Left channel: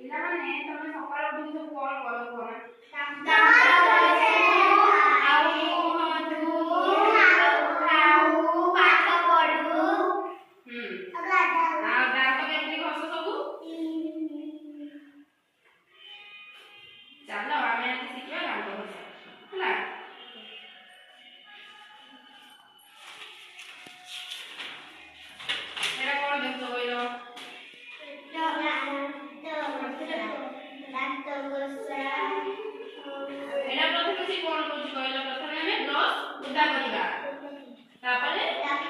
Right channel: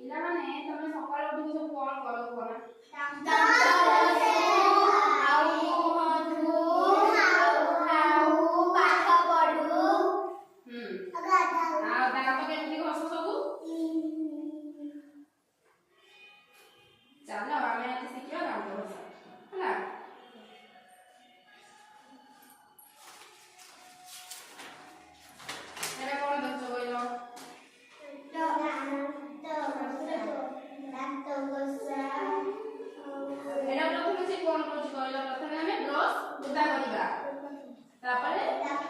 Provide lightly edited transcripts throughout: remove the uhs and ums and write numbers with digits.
ପିଲାମାନେ ତମେ ସକାଳୁ ଉଠିକି ସବୁ କଣ କର କଣ? ଚାଲ ଆମେ ଆଜି ଶିଖିବା ଦାନ୍ତ ଘଷା ହେଲା। ଏଟା କଣ ଦେଖୁଛ କହିଲ? ଏଟା ପ୍ରଥମେ ସେ କଣ କରୁଛି କହିଲ? ପ୍ରଥମେ ଆମେ ବ୍ରଶ ଉଦା କରିବା, ତାପରେ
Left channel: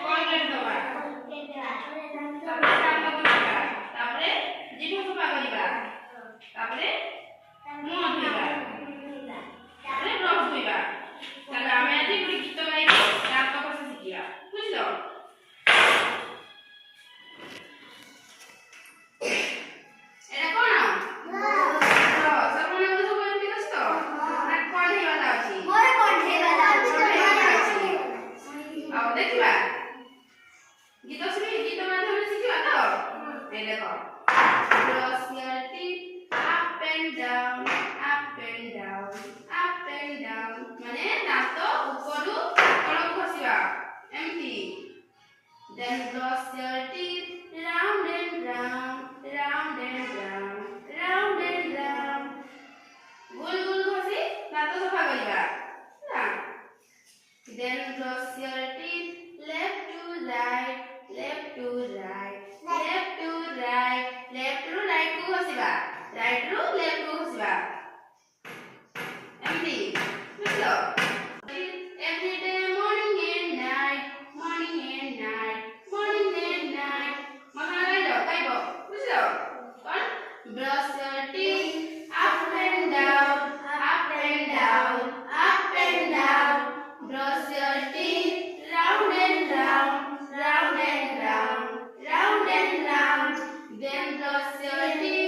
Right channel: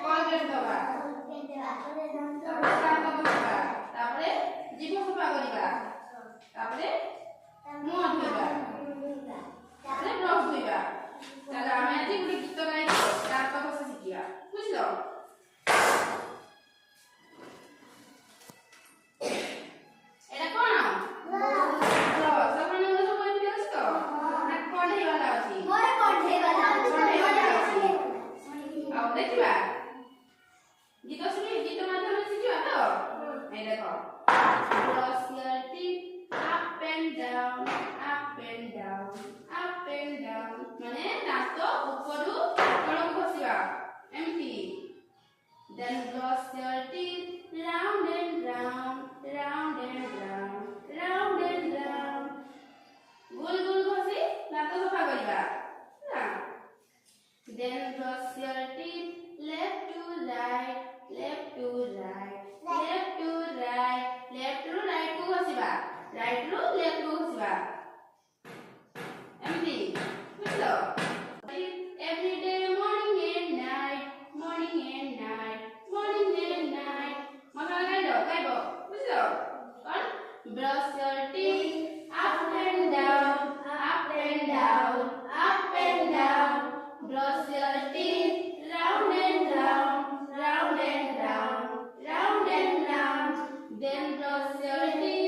କଲଗେଟ୍ ଦବା, ତାପରେ ଦାନ୍ତ ଘଷିବା, ତାପରେ ଜିଭ ସଫା କରିବା, ତାପରେ ମୁହଁ ଧୋଇବା, ତାପରେ ବ୍ରଶ ଧୋଇବା। ତାହେଲେ ଆମେ ଆଜି ଗୋଟେ ଗୀତ ଗାଇକି ଦାନ୍ତ ଘଷା ଶିଖିବା, ବୁଝିଲ? ଏଟା କଣ? ଦେଖିବା ଗୀତ ଶୁଣି ଗୀତ ମାଧ୍ୟମରେ ଶିଖିବା ତ। এই দেখো brush your teeth up and down মানে দাঁত উপরু তଳକୁ ঘଷିବା ଏମିତି। then brush your teeth round and round ଗୋଲ ଗୋଲ ଘଷି ଦାঁତ ସଫା କରିବା ହେଲା। then brush your teeth left to right ରୁ right କୁ ଘଷିବା, right ରୁ left କୁ ଘଷିବା ଏମିତି, ବୁଝିଲ? every day morning and night ମନ ଗାଇବ ବୁଝିଲ? କଣ? brush your teeth up and down brush your teeth round and round then brush your teeth